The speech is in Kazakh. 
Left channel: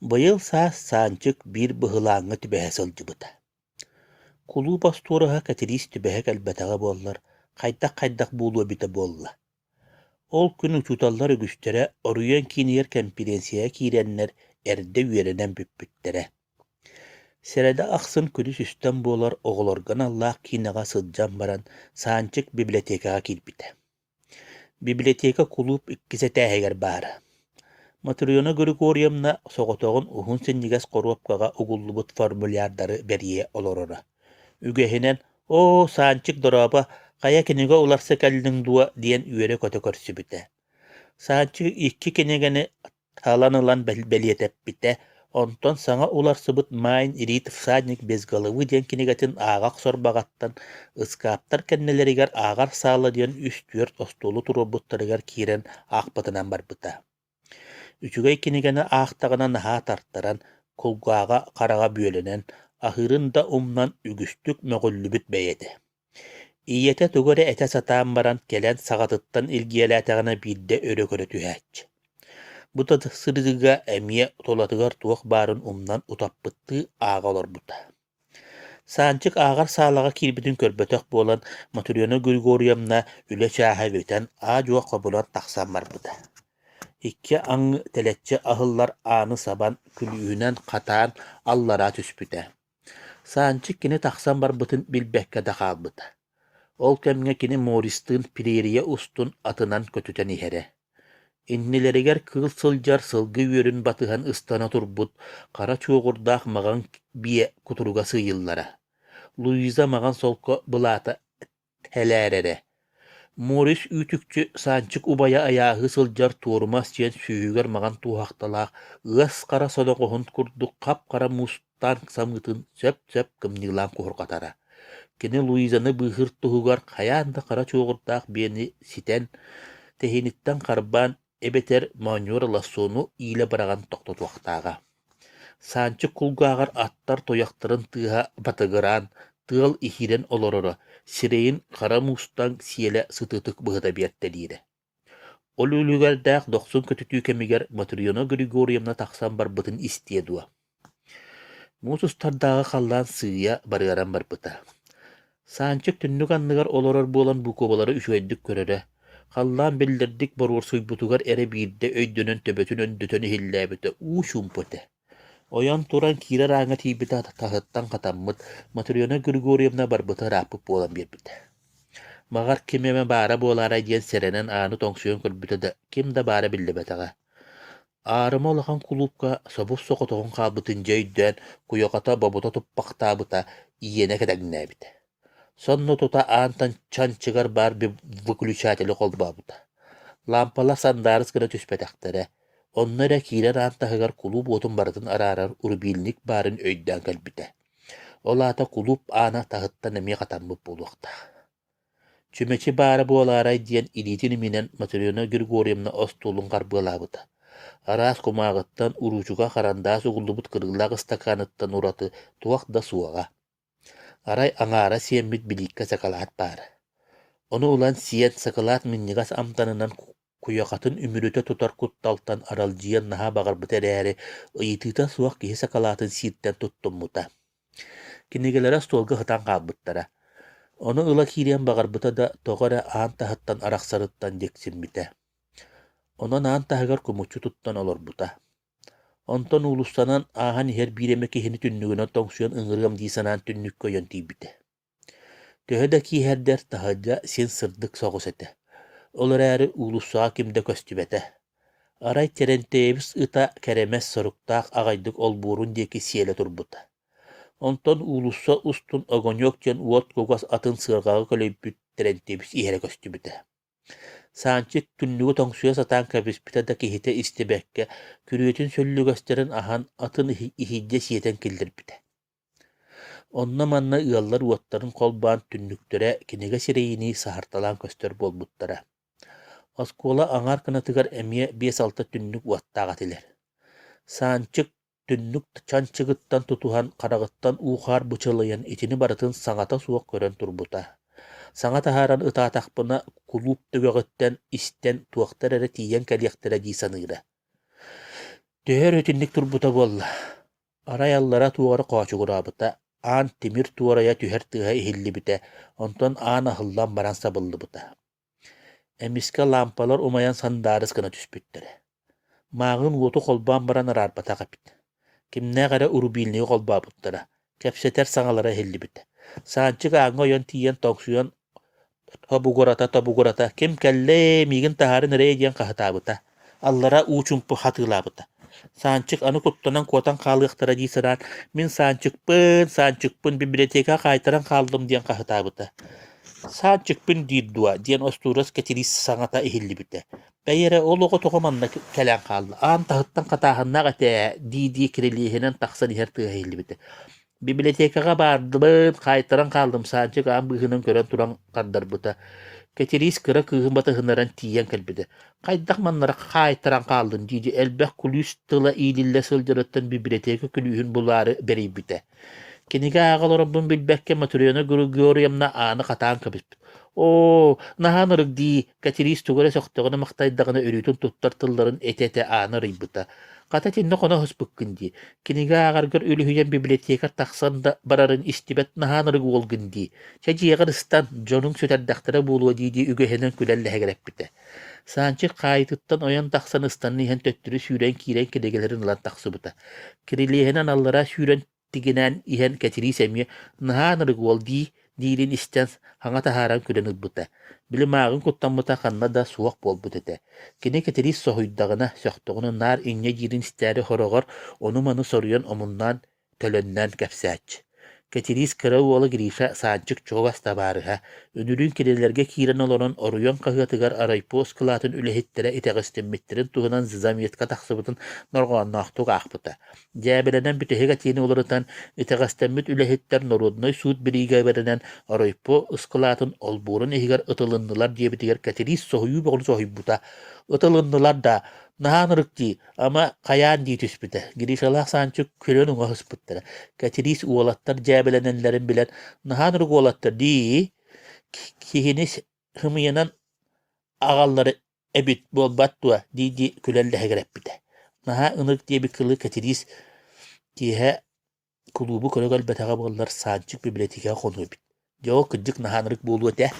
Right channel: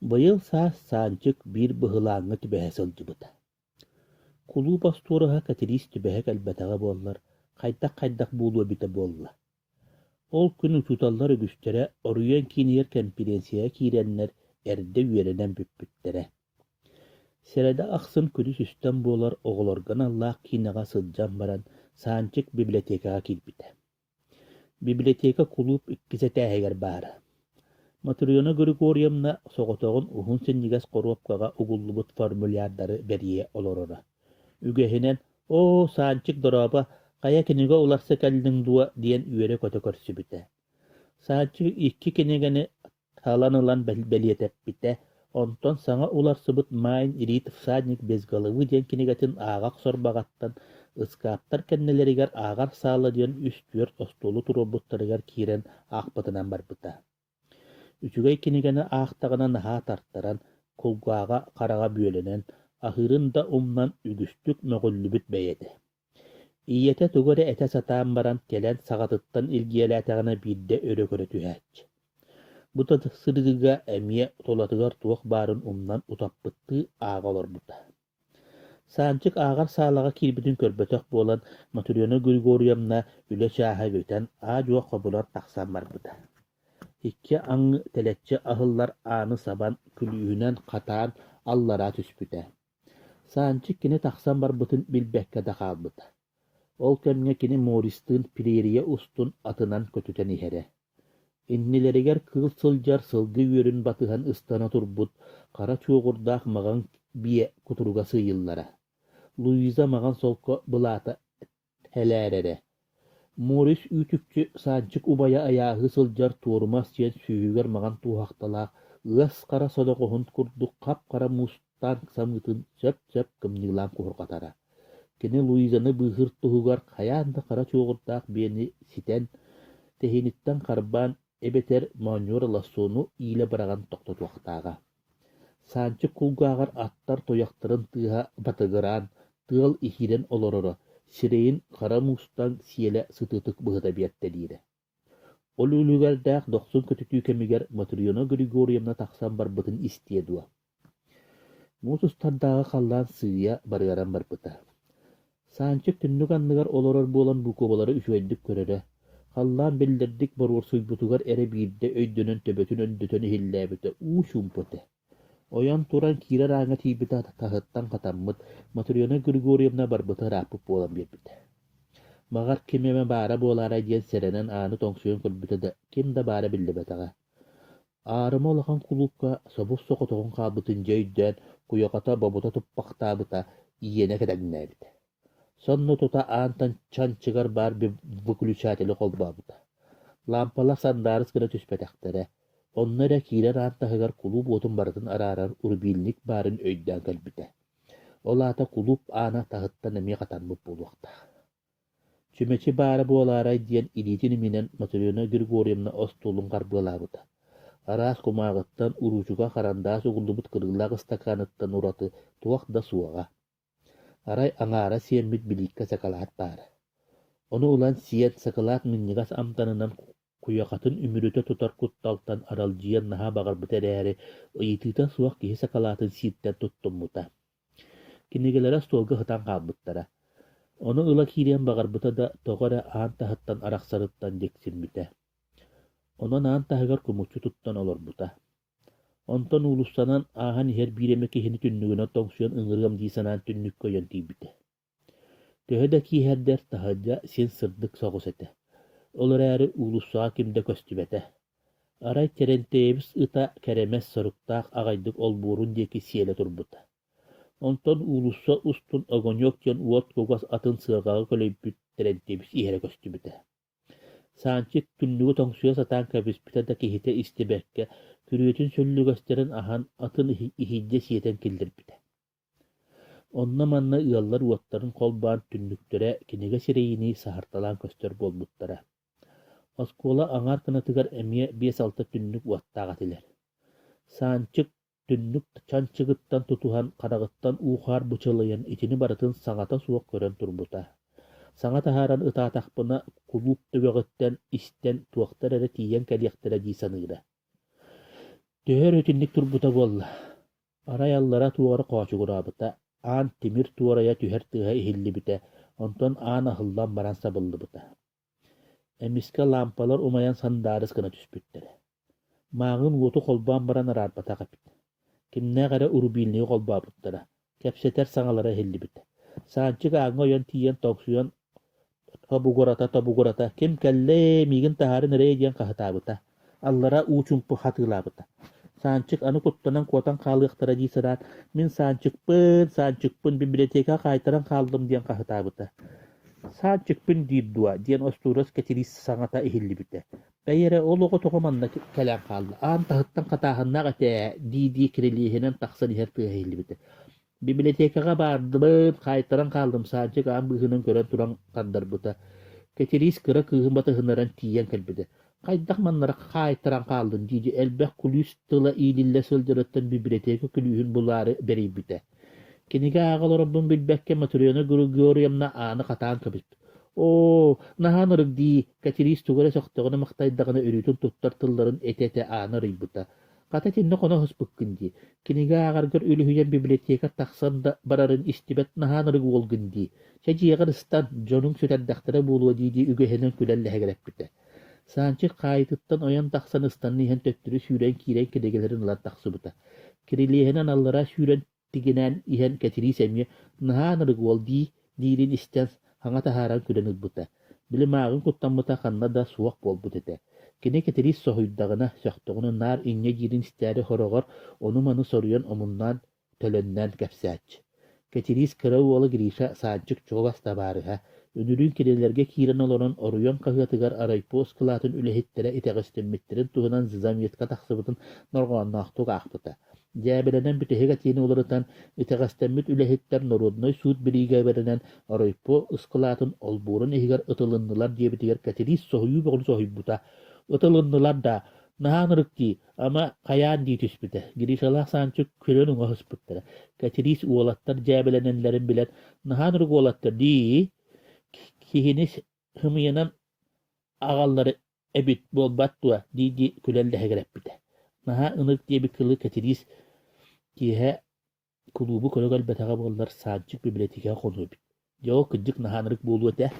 Быйыл саас саанчык бир быһылааҥҥа түбэһэ сылдьыбыта. Кулуу постуораһа катирис түбэһэ кэлбэтэҕэ буоллар, хайдах буулуо бита буолла. Ол күн учуталлар үгүстэрэ оруйан кинигэр конференцияға киирэннэр эрдэ үөрэнэн бүппүттэрэ. Сэрэдэ ахсын күдүс үстэн буолар оҕолоргон аллаах кинаҕа сылдьан баран саанчык библиотекаға киирбитэ. Библиотека кулууп иккисэтээһигэр баара. Матриона Григорьевна соҕотоҕун уһун синнигас коруопкаҕа угуллубут формулярдары бэрийэ олорора. Үгэһинэн «О, саанчык дороба, хая кинигэ уларса кэллиң дуа» диэн үөрэ көтө көрсүбүтэ. Саанчык икки кинигэни халанылан бэлиэтэппитэ, онтон саҥа уларсыбыт Майн Ирит всадник безголовы диэн кинигэтин ааҕах сорбаҕаттан ыскааптар кэннэлэригэр ааҕар саала диэн үс-түөрт остуолу туруобуттарыгар киирэн аахпытынан барбыта. Үчүгэй кинигэни аахтаҕына наһаа тартаран, кулгааҕа хараҕа бүөлэнэн, аһырын да умнан үгүстүк möҕүллүбүт бэйэтэ. Ийэтэ тугары этэ сатаан баран кэлэн саҕатыттан илгиэлээтэҕинэ биирдэ өрө-көрө түһээч. Бута сырыгыга эмиэ толатыгар туох баарын умнан утаппыттыы ааҕа олорбута. Саанчык ааҕар саалаҕа киирбитин көрбөтөх буолан Матриона Григорьевна үлэ чааһабытан аадьуох хобулан тахсан барбыта. Икки аҥы тэлэччэ аһыллар ааны сабан күлүүнэн хатаан аллара түспүтэ. Саанчык кини тахсан барбытын билбэккэ дахаалбыта. Ол кэмҥэ кини Мористын пирээрийэ устун атынан көтүтэн иһэрэ. Иннилэригэр кыыл сылдьар сылгы үөрүн батыһан ыстана турбут, хара чуоҕурдаах маҕан бие кутуруга сыйыллара. Луиза маҕан солко былаата тэлээрэрэ. Морис үүтүкчү саанчык убая аяаһы сылдьар туорумас диэн сүүһүгэр маҕан туухахталаах ыас хара содоҕоһун курдук хап-хара мустан самыытын сөп-сөп кымньыылаан куһурҕатара. Кини Луизаны быыһыр туһугар хайаан да хара чуоҕурдаах биэни ситэн, тэһиниттэн харбаан эбэтэр Маньора Лассону иилэ бараган тохтотуохтааҕа. Саанчык кулгааҕар аттар тояхтарын тыаһа батыгыраан, тыал иһирэн олороро, сирэйин хара мустан сиэлэ сытыытык быһыта биэртэ диирэ. Ол үлүгэрдээх дохсун көтүтүү кэмигэр Матриона Григорьевна тахсан барбытын истиэ дуа. Муусустардааҕа халлаан сыыя барыаран барбыта. Саанчык түннүк анныгар олорор буолан букобалары үчүгэйдик көрөрө. Халлаан беллердик боруор суйбутугар эре биирдэ өйдөнөн төбөтүн өндүтөн иһиллээбитэ уу шумпуте. Оян туран киирэр ааҥа тиибитэ таһыттан хатаммыт Матриона Григорьевна барбыта рааппыт буолан биэрбитэ. Маҕар кимэме баара буолаарай диэн сэрэнэн ааны тоҥсуйан көрбүтэ да ким да баара биллибэтэҕэ. Аарыма улахан кулупка собус соҕотоҕун хаалбытын дьөйдөөн куйоҕата бобута туппахтаабыта иена кэтэҥнээбитэ. Сонно тута аантан чанчыгар бар выключателі қолбабыта. Лампала сандарыс гына түспәтәқтәрі. Оннара киирер аантахыгар кулуп отун барытын арарар урбилник барын өйдөн кэлбите. Олата кулуп аана тахыттан эми катаммыp болуақта. Чүмечи бары буоларай диэн илитин минен Матриона Григорьевна остулун карбылабыта. Арас кумагыттан уручуга карандаас угуллубут кырыллаг стаканыттан ураты туақ да суаға. Арай аңара сиэммит биликка сакалаат баара. Ону улан сиэн сакалаат миннигас амтанынан куяқатын үмүрөтө тутар кутталтан аралжиен наха багарбыт эрээри ыйытыта суақ киһи сакалаатын сииттен туттуммута. Кинигелера столга хытан каалбыттара. Ону ыла киирен багарбыта да тоҕора аан таһыттан арахсарыттан дексиммите. Онон аан таһыгар кумуччу туттан олорбута. Онтон улустанан аахан иһэр бииреме киһини түннүгүнө тоҥсуйан ыҥырыам диисанаан түннүккө ойон тиибите. Төһө да кииһэрдэр таһыдьа син сырдык соҕус этэ. Олар әрі улуссаа кимде көстүбэтэ. Арай терентээбис ыта кэремэс соруктаах аҕайдык олбуурун диэки сиэлэ турбута. Онтон улусса устун огоньок диэн уот кугас атын сыаргаҕы көлөйбүт терентээбис иһэрэ көстүбүтэ. Саанчык түннүгү тоҥсуя сатаан кэбиспитэ да киһитэ истибэккэ күрүөтүн сөллүгэстерин аһан атын иһиддьэ сиэтэн киллэрбитэ. Онна манна ыаллар уоттарын холбаан түннүктөрэ кинигэ сирэйини саһарталаан көстөр буолбуттара. Оскуола аңар кынатыгар эмиэ 5-6 түннүк уаттааҕатилэр. Саанчык түннүк чанчыгыттан тутуһан харагыттан уухаар бычылыйан итини барытын саҥата суох көрөн турбута. Саҥа таһааран ытаатахпына кулууп төгөҕүттэн истэн туохтар эрэ тиийэн кэлиэхтэрэ дии саныыра. Töhөр ötünnik turbuta bolla. Arayallara tuğara qoçu gurabıta. An timir tuğaraya tüher tığa ihilli bite. Onton an ahıllan baran sabıllı bıta. Emiske lampalar umayan sandarız kına tüspütteri. Mağın uotu kolban baran ararbata kapit. Kimne gara urubilniği kolba buttara. Kepseter sağalara hilli bite. Sançık ağın oyan tiyen toksuyan tabugurata kim kelle migin taharın nereye diyen kahtabıta. Allara uçumpu hatırlabıta. Sançık anı kuttanan kotan kalıqtara diysıran min sançıkpın biblioteka kaytaran kaldım diyen kahtabıta. Sançıkpın diddua diyen osturas ketiris sanata ihilli bite. Beyere oluğu tokumanna kelen kaldı. An tahıttan katahınna gate didi kiriliğinin taksan ihertı ihilli bite. Bibliotekaga bardım, kaytaran kaldım sançık an bıhının kören turan kandar buta. Ketiris kıra kıhın batı hınaran tiyen kalbide. Kaydak manlara kaytaran kaldın diye elbek kulüs tıla iyilille sıldırıttın biblioteka külühün buları beri bite. Kiniga ağal Rabbim bilbekke maturiyona Gregoriumna anı katan kabis. O nahanırık di ketiris tugara soktogana maqtaydagana örütün tuttar tılların etete anı rıybıta. Kata tinne kona hospukkin di. Kiniga ağargır ölühüyen biblioteka taksan da bararın istibet nahanırık olgun di. Çaciyagar istan jonun söterdaktıra buluwa di ügehenen külelle hegerep bite. Sançı kayıtıttan oyan taksan istanını hen töttürü süren kiren kedegelerin lan taksıbıta. Kiriliğenen allara süren tiginen ihan ketiri semye nahanırık ol di dilin istens hanga taharan külen buta. Bili mağın kuttamıta kanna da suak bol butete. Kine ketiri sohuydağına söktüğünü nar inye girin isteri horogor onu manı soruyan omundan tölönnen kapsaç. Ketiris kırağı ola girişe sancık çoğas tabarıha. Önürün kirelerge kiren olan oruyon kahıtıgar araypos kılatın ülehittere iteğistemmittirin tuğunan zizamiyet kataksıbıtın norğanna ahtuq ahbıta. Jäbelenen bütehega tieni oluratan iteğistemmit ülehitter norudnoy suud biriga berenen araypo ıskılatın olburun ehigar ıtılındılar diye bitiger ketiris sohuyu boğulu sohuybuta. Itılındılar da nahanırık di ama kayan di tüspüte. Girişalak sançık külön uğa hıspıttara. Ketiris uolattar jäbelenenlerin bilen nahanırık uolattar di kihiniz hımıyanan ağalları ebit bol battua di külelle hegerep bite. Naha ınık diye bir kılı ketiris diye kulubu kölögal betaga bollar sançık bibliotekaya konu bit. Jo kıcık nahanırık bulu öte.